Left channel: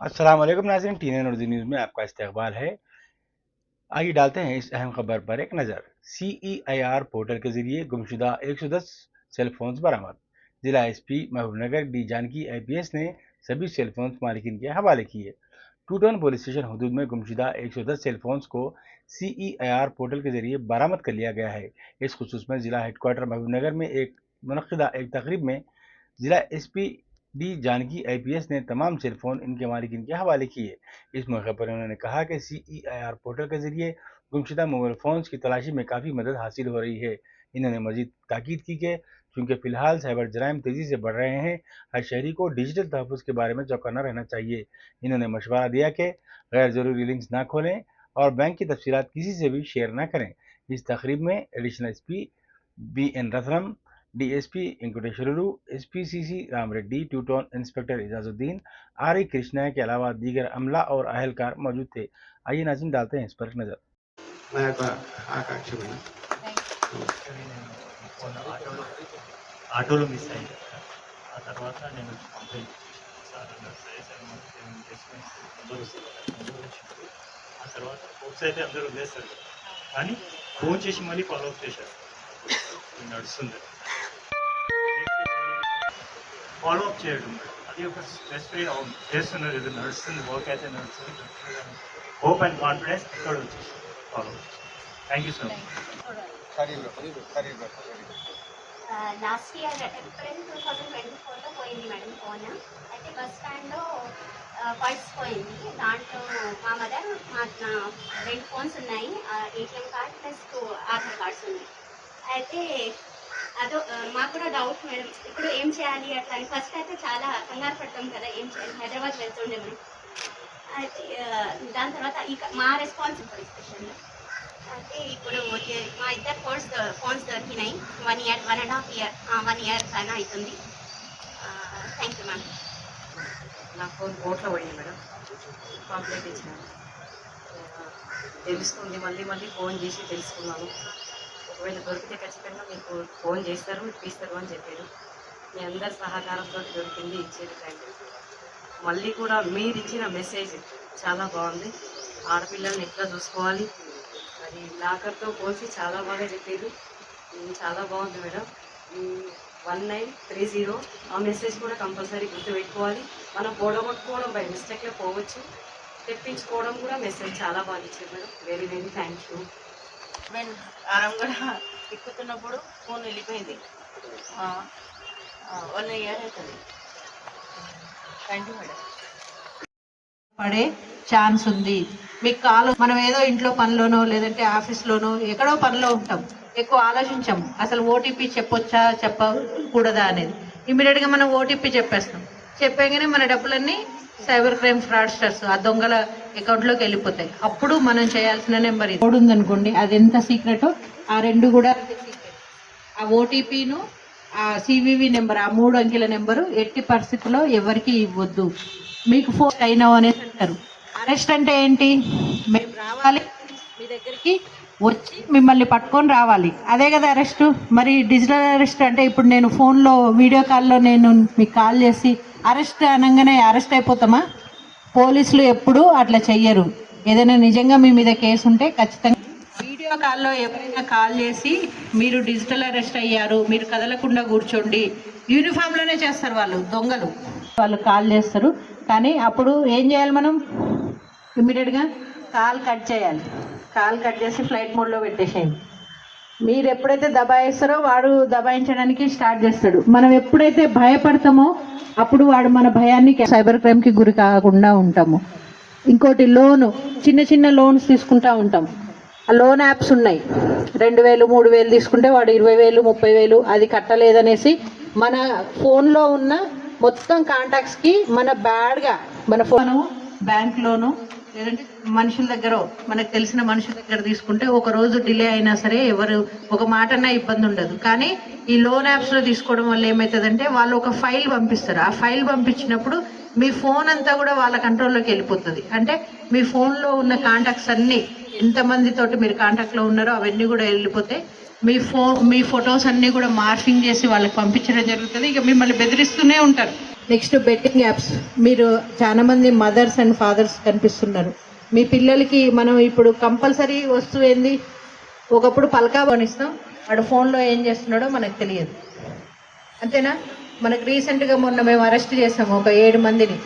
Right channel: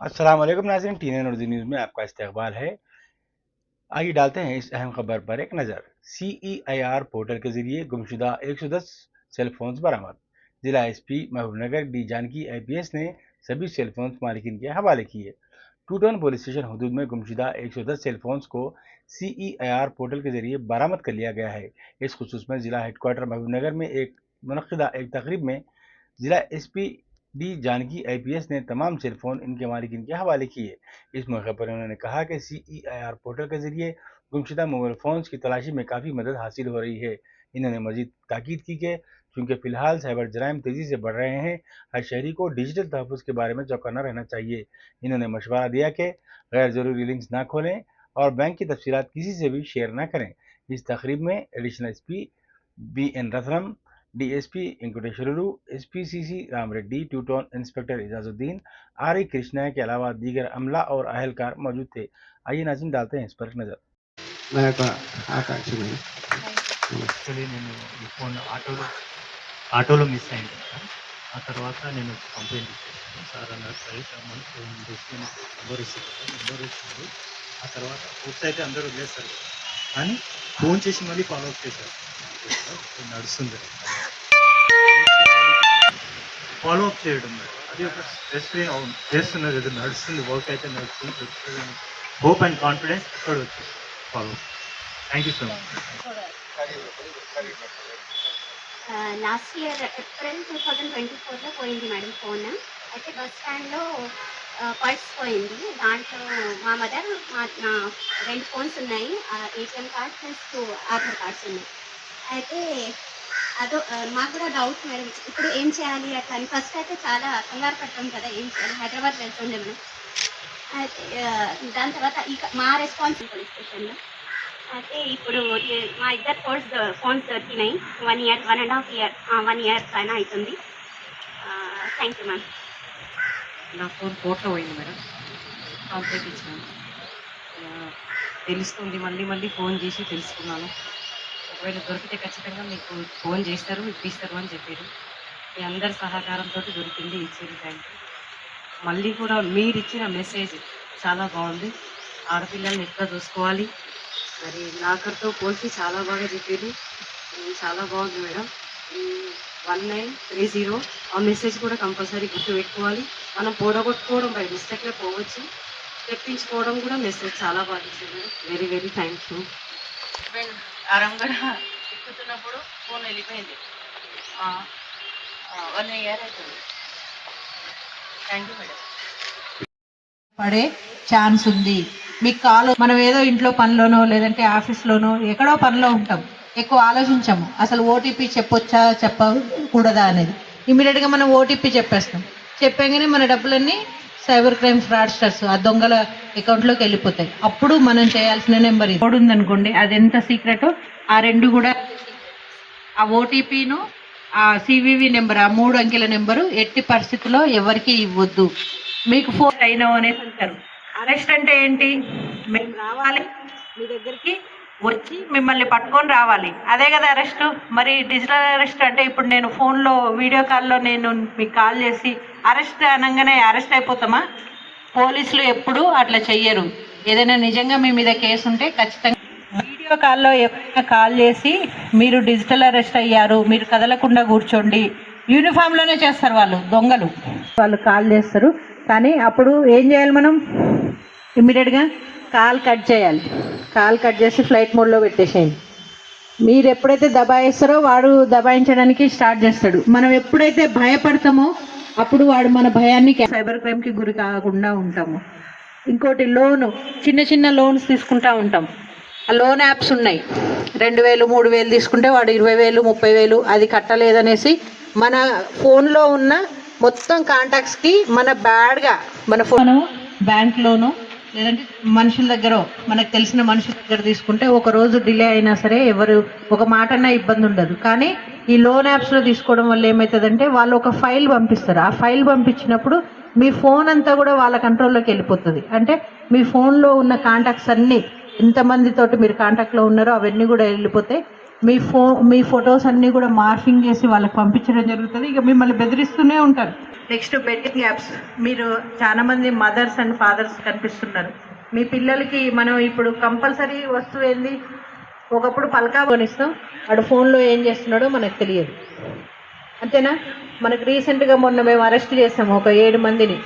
अस्सलाम वालेकुम नाज़रीन, टीएन उर्दू न्यूज़ में आपका इस्तकबाल है। आइए डालते हैं इस अहम खबर पर एक नज़र। CEIR पोर्टल के जरिए गुमशुदा 110 सेल फोन्स बरामद। जिला SP Mahbubnagar D Janaki IPS ने सभी सेल फोन्स मालिकिन के हवाले किए। टू टाउन पुलिस स्टेशन हदूद में गुमशुदा 110 सेल फोन्स को CEIR पोर्टल के जरिए बरामद कर लिया गया है। इस खुसूस में जिला हेडक्वार्टर महबूबनगर में मुनक्किदा एक तकरीब में जिला एसपी डी जानकी IPS ने तमाम सेलफोन इनके मालिकिन के हवाले किए। इस मौके पर उन्होंने कहा कि CEIR पोर्टल के जरिए गुमशुदा मोबाइल फोन्स की तलाशी में काफ़ी मदद हासिल हो रही है। इन्होंने मजीद ताकीद की कि चूँकि फ़िलहाल साइबर जराइम तेज़ी से बढ़ रहे हैं, हर शहरी को डिजिटल तहफ़्फ़ुज़ के बारे में चौकन्ना रहना चाहिए। इन्होंने मशवरा दिया कि गैर ज़रूरी लिंक्स ना खोलें और बैंक की तफसीलात किसी से भी शेयर ना करें। इस तकरीब में additional SP BN Ratnam, DSP Venkateswarlu, SPCC Ram Reddy, two town inspector Ejazuddin, RI Krishna के अलावा दीगर अमला और अहलकार मौजूद थे। आइए नाज़रीन डालते हैं इस पर एक नज़र। నా యొక్క ఆకాంక్ష యాక్చువల్లీ నేను ఈ ఫోన్ ఆటోలో మిస్ అయింది కదా. ఆ తర్వాత నేను కంప్లైంట్ ఇచ్చేసాను. సార్ అన్నారు సరే సార్ మనకు తీసుకుని నెంబర్ ఇస్తారు కదా, నెంబర్ ఇచ్చింది. ఆ తర్వాత ఫోర్స్ అయితే అందరూ వదిలేస్తారు కదా, కానీ ఫోన్ చేసి మళ్ళీ ఫాలో అప్ చేశారు. ఇది నడుస్తుంది, ఫాలో అప్ చేయడం అది ఒక స్ట్రెస్ చేస్తున్నారు. ఇది నడుస్తుంది, వర్క్ అయితే నడుస్తుంది. హోప్ అండ్ కాన్ఫిడెన్స్ అక్కడ వచ్చేసి follow up. Thank you so much. Last year April 2024లో పోయింది మేడం ఫోన్. అయితే బస్ స్టాండ్లో పర్స్ పోయింది. దాంట్లో మా మదర్ నా 2 ఫోన్స్ ఉన్నాయి, ATM card plus 2 Aadhaar cards ఉన్నాయి. అయితే అదో మాకు కూడా డౌట్ మేడం, ఇప్పుడు ఏం చేయాలి అట్లా అని. ఫస్ట్ అయితే చాలా కంగారు పడ్డాం కదా, ఏం చేయాలి, హైదరాబాద్ వెళ్తుండే మనం. అయితే దాని తర్వాత మా రెస్పాన్సిబుల్ పోలీస్ స్టేషన్లో. అయితే ఇప్పుడు మా ఇద్దరు ఫోన్స్ దొరికినాయి. 1 ఇయర్ 1.5 ఇయర్ 1 ఇయర్ పైన అవుతుంది. Thank you ma'am. నా ఫోన్ కోర్టులో పోయింది మేడం, కంప్లైంట్ ఇచ్చినాను. తెలుస్తుంది, మళ్ళీ మళ్ళీ ఫోన్ చేసి తెలుసుకున్నాను. ఒకవేళ దొరికితే ఖచ్చితంగా మీకు ఫోన్ చేస్తారు, ఇప్పిస్తారు అని చెప్పారు. మీ అందరి సహకారంతో దొరికింది, ఇచ్చారు. Thank you. మళ్ళీ కూడా మీరు ఇచ్చిన మెసేజ్ చాలా బాగుంది. ఆడపిల్లల్ని ఎట్లా చూసుకోవాలి, మరి నాకతో పోల్చి చాలా బాగా చెప్పారు. చాలా బాగుంది మేడం. 1930 ఆ మెసేజ్ కూడా కంపల్సరీ గుర్తుపెట్టుకోవాలి. మనం పోడగొట్టుకోవడం బై మిస్టేక్లో పోవచ్చు, తెప్పించుకోవడం కూడా మెసేజ్ చాలా బాగా ఇచ్చారు madam. Very very thanks. Husband అరంగడ ఎక్కుతున్నప్పుడు ఫోన్ వెళ్ళిపోయింది. 1 ఇయర్ అవుతుంది. Thank you madam. పడే ఛాన్స్ ఉంది. మీకు మనం ఏదో ఇంట్లో పనిలోనో లేదంటే ఆఫీస్లోనో ఎక్కడో పనిలో ఉంటాం, ఎక్కువ ఆలోచించాము అసలు OTP చెప్పొచ్చా చెప్పకూడదా అనేది. ఇమీడియట్గా మనం OTP చెప్పేస్తాం. చెప్పగానే మన డబ్బులన్నీ సైబర్ క్రైమ్ ఫ్రాడ్స్టర్స్ ఆ దొంగల అకౌంట్లోకి వెళ్ళిపోతాయి. అప్పుడు మనం చేయాల్సిన నెంబర్ ఇది ఉందనుకోండి, అది ఎంత సీక్రెటో ఆ 2 కూడా. ఆ OTPను ఆ CVV నెంబర్, ఆ 3 అంకెల నెంబరు ఎట్టి పరిస్థితుల్లో ఎవరికి ఇవ్వద్దు. మీకు ఫోన్ అయినా అనేసి అంటారు. అరెస్ట్ అంటే ఏంటి, మేము రావాలి మీ దగ్గరికి, వచ్చి మిమ్మల్ని పట్టుకొని రావాలి, అదే కదా అరెస్ట్. మరి డిజిటల్ అరెస్ట్ అంటే ఇప్పుడు నేను ఫోన్లో వీడియో కాల్లో నేను మీకు కాల్ చేసి అరెస్ట్ అనగానే అరెస్ట్ అయిపోతామా? పోలీసులు ఎప్పుడూ అట్లా చెయ్యరు. ఏదైనా నిజంగా మీ మీద కేసు ఉంటే ఖచ్చితంగా వీడియో కాల్లో ఎవరైనా కాల్ చేసి మీరు డిజిటల్ అరెస్ట్ అయ్యారు, మీరు కదలకుండా కూర్చోండి, యూనిఫామ్లోనే చేస్తారు వాళ్ళు, దొంగలు వాళ్ళు కాల్ చేస్తారు. కానీ అప్పుడు ఏం చేయాలి, మనం ఇమ్మీడియట్గా కాల్ కట్ చేయాలి. కాల్ కట్ చేసి ఫ్లైట్ మోడ్లో పెట్టేసేయండి. మీరు ఎప్పుడైతే దబాయిస్తారో వాడు దబాయించడానికి స్టార్ట్ చేస్తాడు. మనం ఎప్పుడైతే భయపడతామో అప్పుడు వాడు మన భయాన్ని సైబర్ క్రైమ్కి గురి కాకుండా ఉంటాము. ఇంకోటి లోను, చిన్న చిన్న లోన్స్ తీసుకుంటూ ఉంటాం. ఆ లోన్ యాప్స్ ఉన్నాయి. 2000 3000 తీసుకుంటే వాడు 20,000 30,000 అది కట్టలేదనేసి మన ఫోన్లో ఉన్న మొత్తం కాంటాక్ట్స్కి మన బ్యాడ్గా మన ఫోన్ బ్యాంక్లోనూ లేదంటే మనుషుల దగ్గర, మనకు తెలిసిన మనుషుల దగ్గర తీసుకుంటే ఒక రోజు డిలే అయినా సరే ఎవరు ఒక మాటన్నా ఇబ్బంది ఉండదు. కానీ ఈ లోన్ యాప్స్లో తీసుకోవడం వల్ల ఏమవుతుందంటే వాళ్ళు ఒక ఫైల్ పంపిస్తారు. ఆ ఫైల్ పంపించినప్పుడు మీ ఫోన్ అంతా కూడా వాళ్ళ కంట్రోల్లోకి వెళ్ళిపోతుంది. అంటే మీ ఫోన్లో ఉన్న కాంటాక్ట్స్ అన్నీ, ఎంతమందితోటి మీరు కాంటాక్ట్లో ఉన్నారో అవన్నీ కూడా వెళ్ళిపోతాయి. మీ ఫొటోస్ అన్నీ కూడా మార్ఫింగ్ చేసి వాళ్ళకి పంపించడం జరుగుతుంది. ఇక మిమ్మల్ని బెదిరిస్తూనే ఉంటారు. Next betting apps. మీరు చాలా మంది మదర్స్ అండ్ ఫాదర్స్ కనిపిస్తున్నారు. మీ పిల్లలకి మనం ఇప్పుడు కంపల్సరీ వస్తువు ఏంది, ఒకప్పుడు పలకా కొనిస్తాం, వాడు ఫోన్లో ఏం చేస్తున్నాడో మనకు తెలియదు, అంతేనా? మనకు రీసెంట్గా మొన్న మేము అరెస్ట్ చేసాము ఒక 7 మందిని.